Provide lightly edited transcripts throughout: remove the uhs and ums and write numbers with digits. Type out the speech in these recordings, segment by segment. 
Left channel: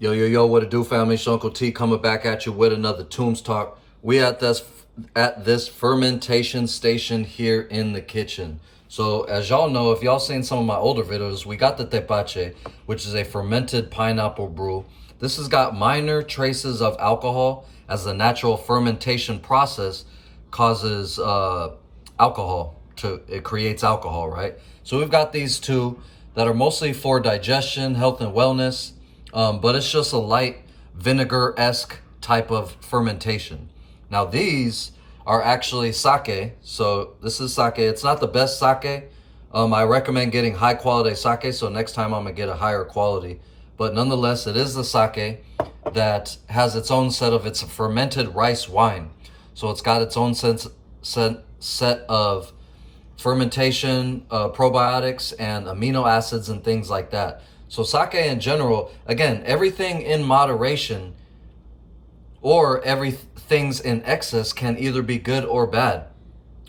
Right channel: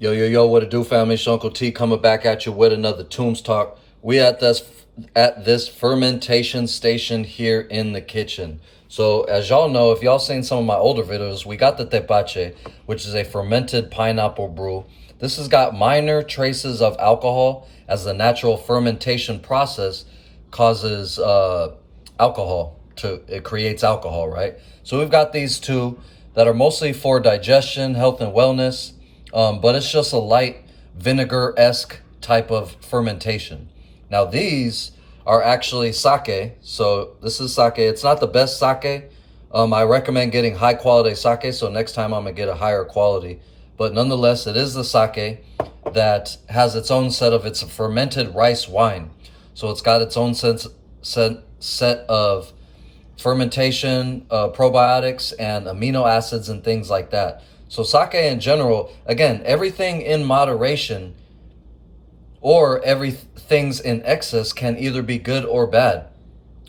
Yo, yo, yo, what it do, family? It's your Uncle T coming back at you with another Tombs Talk. We at this fermentation station here in the kitchen. So as y'all know, if y'all seen some of my older videos, we got the tepache, which is a fermented pineapple brew. This has got minor traces of alcohol, as the natural fermentation process causes alcohol it creates alcohol, right? So we've got these two that are mostly for digestion, health, and wellness. But it's just a light vinegar-esque type of fermentation. Now these are actually sake. So this is sake. It's not the best sake. I recommend getting high quality sake. So next time I'm gonna get a higher quality. But nonetheless, it is the sake that has its own set of, it's a fermented rice wine. So it's got its own set of fermentation, probiotics, and amino acids and things like that. So sake in general, again, everything in moderation or everything's in excess can either be good or bad.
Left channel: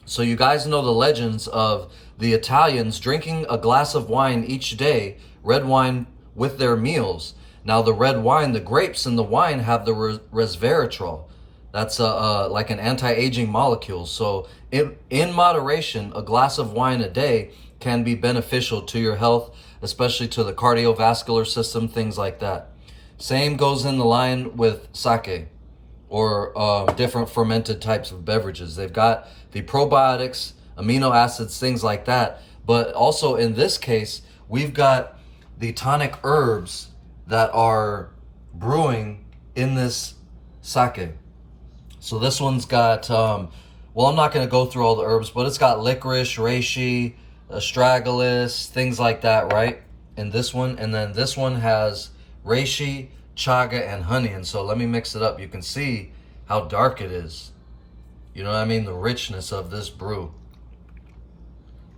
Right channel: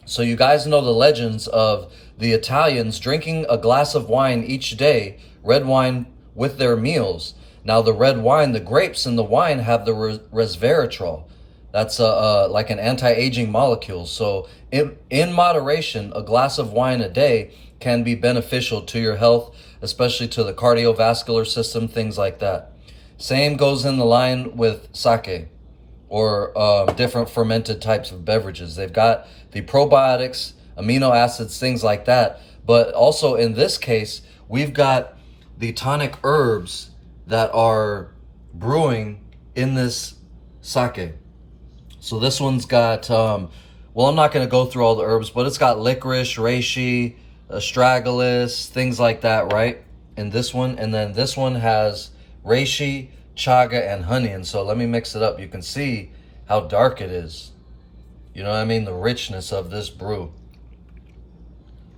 So you guys know the legends of the Italians drinking a glass of wine each day, red wine with their meals. Now the red wine, the grapes in the wine have the resveratrol. That's like an anti-aging molecule. So in moderation, a glass of wine a day can be beneficial to your health, especially to the cardiovascular system, things like that. Same goes in the line with sake or different fermented types of beverages. They've got the probiotics, amino acids, things like that. But also in this case, we've got the tonic herbs that are brewing in this sake. So this one's got, well, I'm not going to go through all the herbs, but it's got licorice, reishi, astragalus, things like that, right? In this one. And then this one has reishi, chaga, and honey. And so let me mix it up. You can see how dark it is. You know what I mean? The richness of this brew.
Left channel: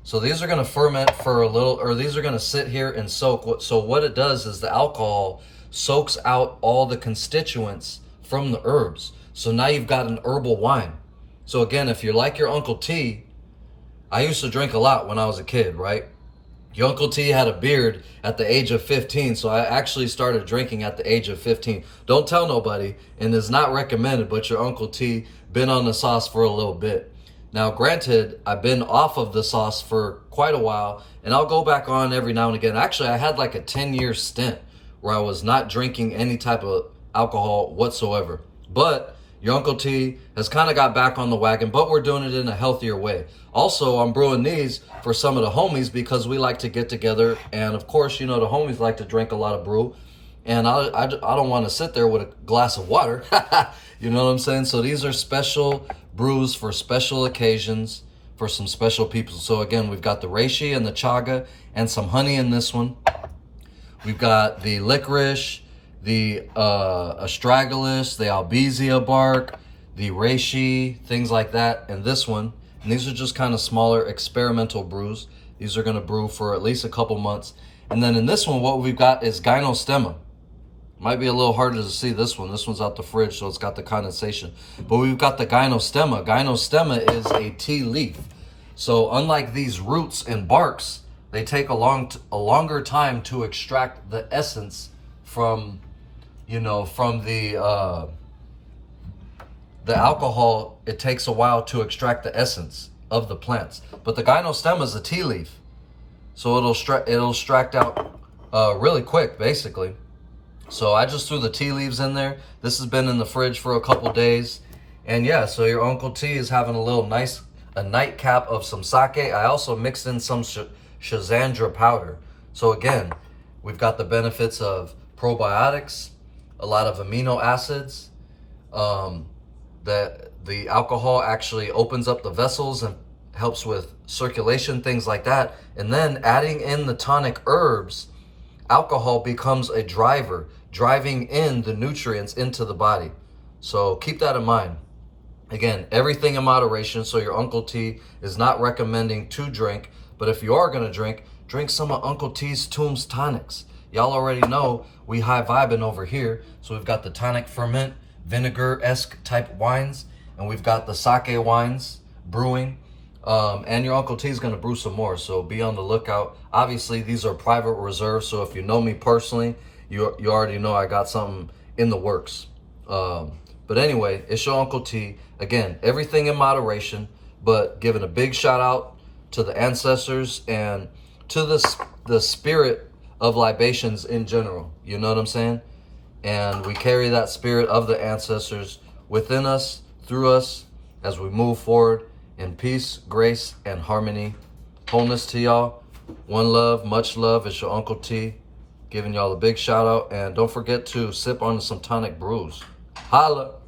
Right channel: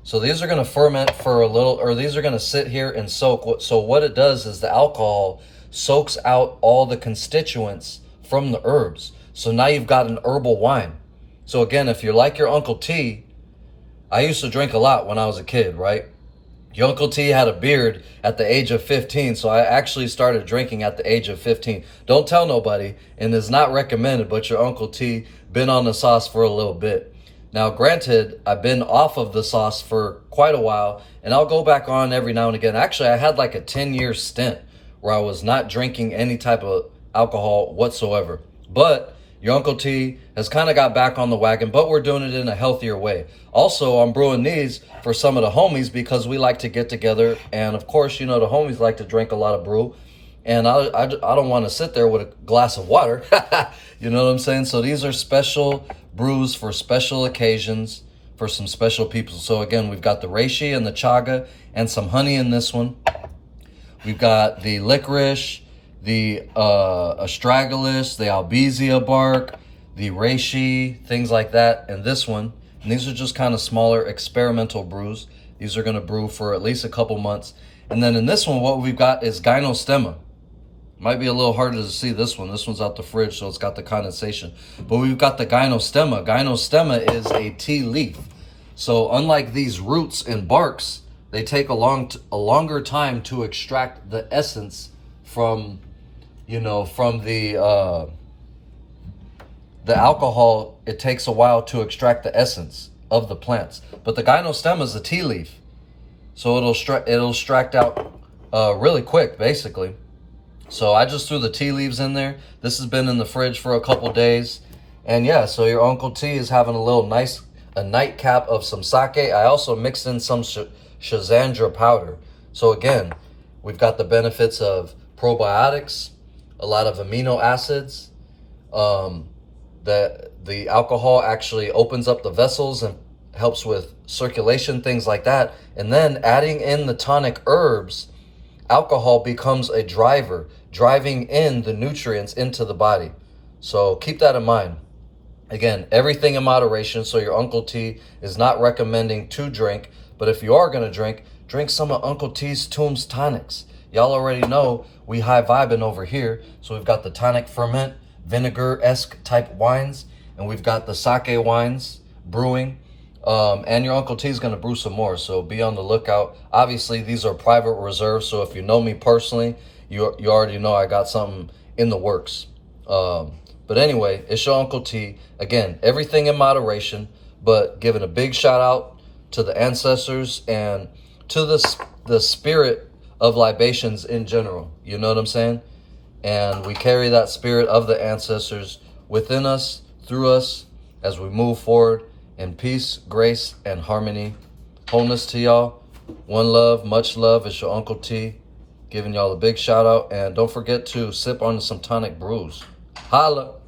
So these are going to ferment for a little, or these are going to sit here and soak. So what it does is the alcohol soaks out all the constituents from the herbs. So now you've got an herbal wine. So again, if you're like your Uncle T, I used to drink a lot when I was a kid, right? Your Uncle T had a beard at the age of 15, so I actually started drinking at the age of 15. Don't tell nobody, and it's not recommended, but your Uncle T been on the sauce for a little bit. Now, granted, I've been off of the sauce for quite a while, and I'll go back on every now and again. Actually, I had like a 10-year stint where I was not drinking any type of alcohol whatsoever. But your Uncle T has kind of got back on the wagon, but we're doing it in a healthier way. Also, I'm brewing these for some of the homies because we like to get together. And of course, you know, the homies like to drink a lot of brew. And I don't want to sit there with a glass of water. You know what I'm saying? So these are special brews for special occasions for some special people. So again, we've got the reishi and the chaga and some honey in this one. We've got the licorice, the astragalus, the albizia bark, the reishi, things like that, and this one. And these are just kind of smaller experimental brews. These are going to brew for at least a couple months. And then in this one, what we've got is gynostemma. Might be a little harder to see this one. This one's out the fridge, so it's got the condensation. But we've got the gynostemma. Gynostemma is a tea leaf. So unlike these roots and barks, they take a longer time to extract the essence from, you know, from the alcohol. It takes a while to extract the essence of the plants. But the gynostemma is a tea leaf, so it'll extract out really quick, basically. So I just threw the tea leaves in there. This has been in the fridge for a couple days, and yeah. So your Uncle T is having a nightcap of some sake. I also mixed in some Schizandra powder. So again, we've got the benefits of probiotics, a lot of amino acids. The alcohol actually opens up the vessels and helps with circulation, things like that. And then adding in the tonic herbs, alcohol becomes a driver, driving in the nutrients into the body. So keep that in mind. Again, everything in moderation. So your Uncle T is not recommending to drink, but if you are going to drink some of Uncle T's Tombs tonics. Y'all already know we high vibing over here. So we've got the tonic ferment, vinegar-esque type wines, and we've got the sake wines brewing. And your Uncle T is going to brew some more, so be on the lookout. Obviously, these are private reserves, so if you know me personally, you already know I got something in the works. But anyway, it's your Uncle T. Again, everything in moderation, but giving a big shout out to the ancestors and to the spirit of libations in general. You know what I'm saying? And we carry that spirit of the ancestors within us, through us, as we move forward in peace, grace, and harmony. Wholeness to y'all. One love, much love. It's your Uncle T. Giving y'all a big shout out. And don't forget to sip on some tonic brews. Holla.